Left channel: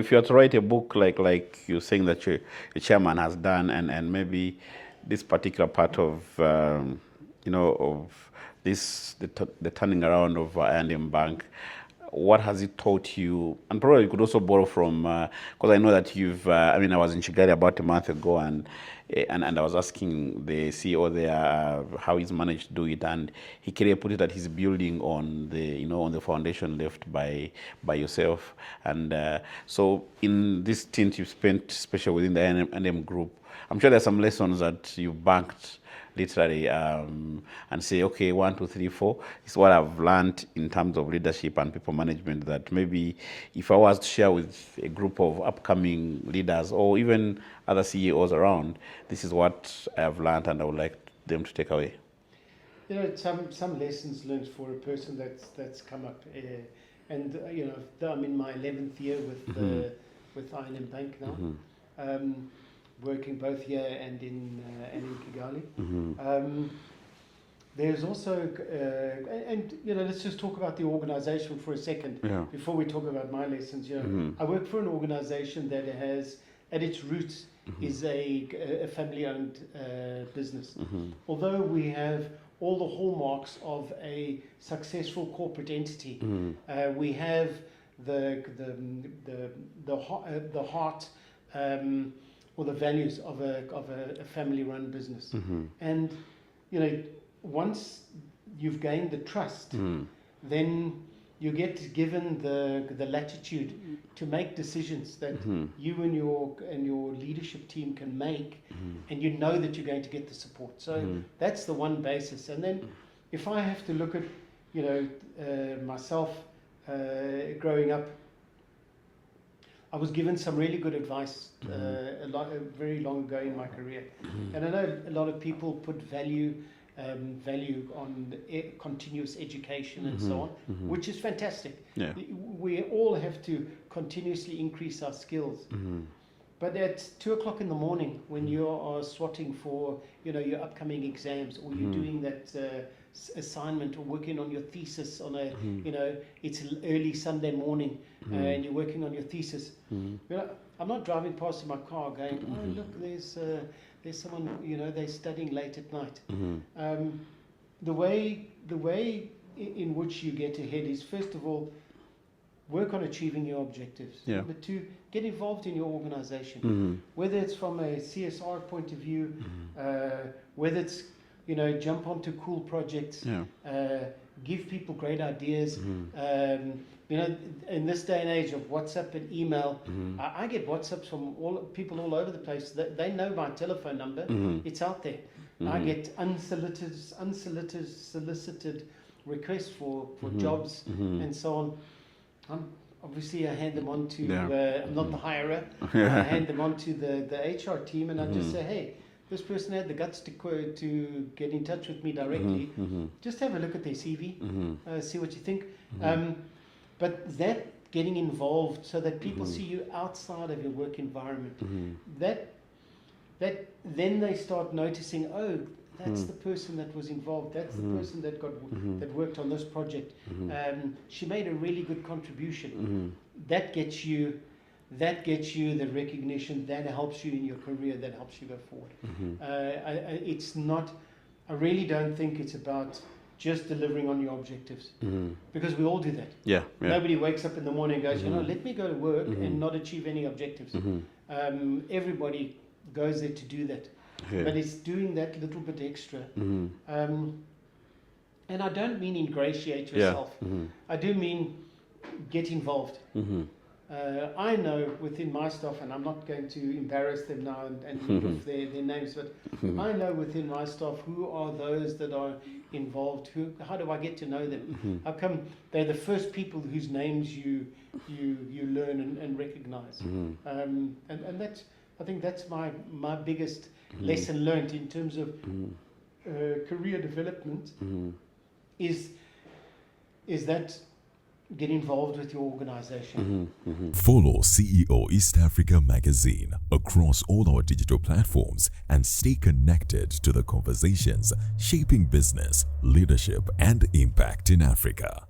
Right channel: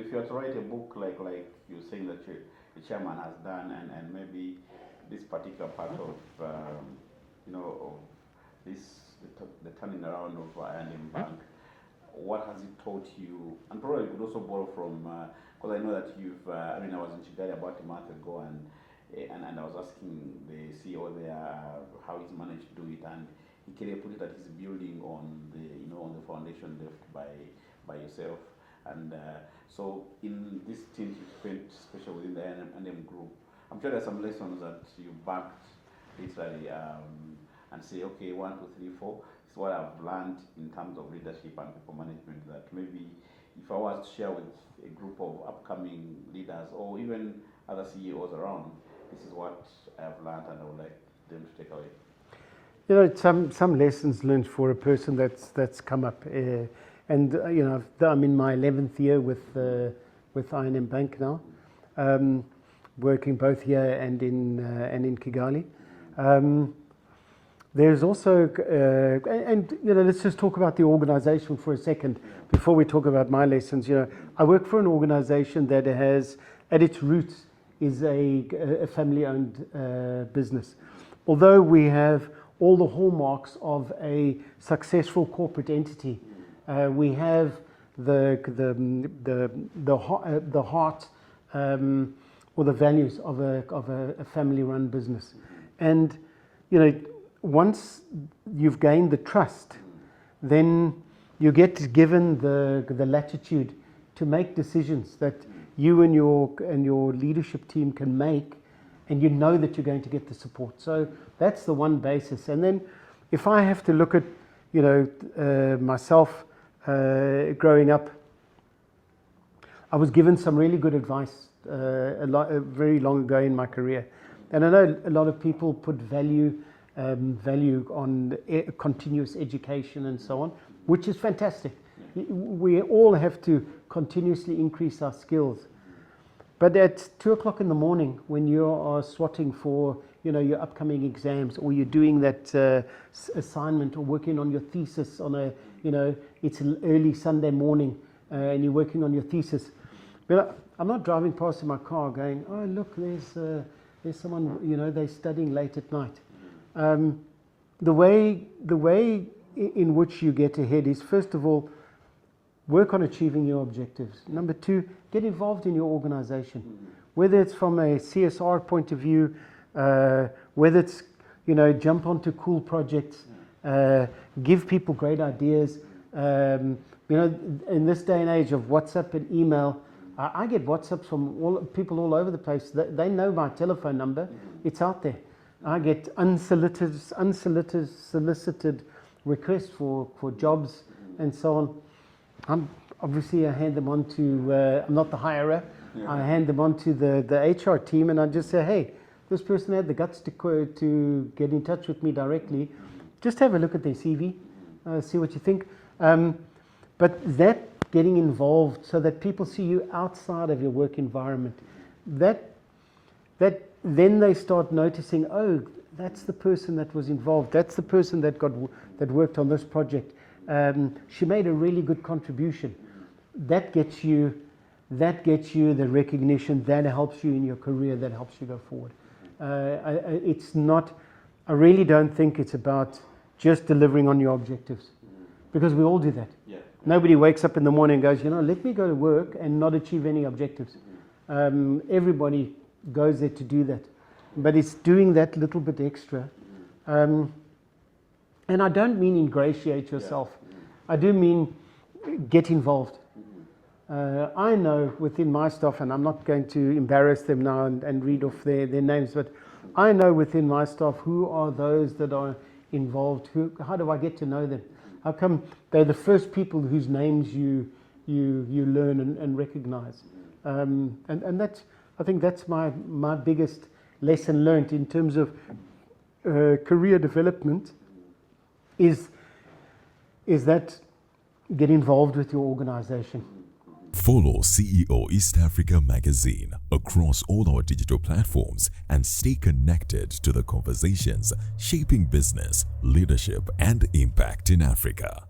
if you are to write a book like you're saying that your chairman has done, and maybe this particular part of of this the turning around of I&M Bank, what has it taught you? And probably you could also borrow from, because I know that you've, I was in Kigali about a month ago, and I was asking the CEO there how he's managed to do it, and he clearly put it that he's building on the, on the foundation left by yourself. And so in this stint you've spent, especially within the I&M group, I'm sure there's some lessons that you've banked literally and say, okay, 1, 2, 3, 4 is what I've learned in terms of leadership and people management, that maybe if I was to share with a group of upcoming leaders or even other CEOs around, this is what I've learned and I would like them to take away. Some lessons learned for a person that's come up, and I'm in my 11th year with I&M Bank now. Working both here and in Kigali. There's also, let's just talk about the organization for a second before we talk about my lessons. I work for an organization that has, at its roots, is a family-owned business. Although we have all the hallmarks of a successful corporate entity, we have the heart. Or the values of a family-run business. And once you've gained the trust, then you get given the latitude to make decisions that you and your leadership team can make, and you know that you're going to get the support. So that's the one basis. And then if I have to look at myself growing up, I was given some really good advice very long ago in my career, and I know a lot of people put value on continuous education and so on, which is fantastic. We all have to continuously increase our skills. But at 2 o'clock in the morning, when you are swatting for your upcoming exams, or you're doing that assignment, or working on your thesis on a it's an early Sunday morning, and you're working on your thesis. I'm not driving past in my car going, oh look, there's someone, they're studying late at night. The way in which you get ahead is, first of all, work on achieving your objectives. Number 2, get involved in your organization, whether it's from a CSR point of view, whether it's jump onto cool projects, give people great ideas. In this day and age of WhatsApp and email, I get WhatsApps from people all over the place. They know my telephone number. It's out there. I get unsolicited requests for jobs and so on. Obviously, I hand them on to, I'm not the hirer. I hand them on to the HR team, and I just say, hey, this person had the guts to get in touch with me directly. Just have a look at their CV, see what you think. But that getting involved so that people see you outside of your work environment, that then they start noticing, oh, that's the person that was involved. That's the person that worked on this project. She made a really good contribution. That gets you the recognition. That helps you in your career. That helps you go forward. It's not. I really don't think it's about just delivering on your objectives, because we all do that. Nobody wakes up in the morning and goes, let me go to work and not achieve any objectives. Everybody goes there to do that, but it's doing that little bit extra. And I don't mean ingratiate yourself. I do mean get involved. I know within my staff, and I'm not going to embarrass them now and read off their names, but I know within my staff who are those that are involved. How do I get to know them? How come they're the first people whose names you learn and recognize? And that's, I think that's my biggest lesson learned in terms of career development, is that get involved with your organization. Follow CEO East Africa Magazine across all our digital platforms and stay connected to the conversations shaping business, leadership, and impact in Africa.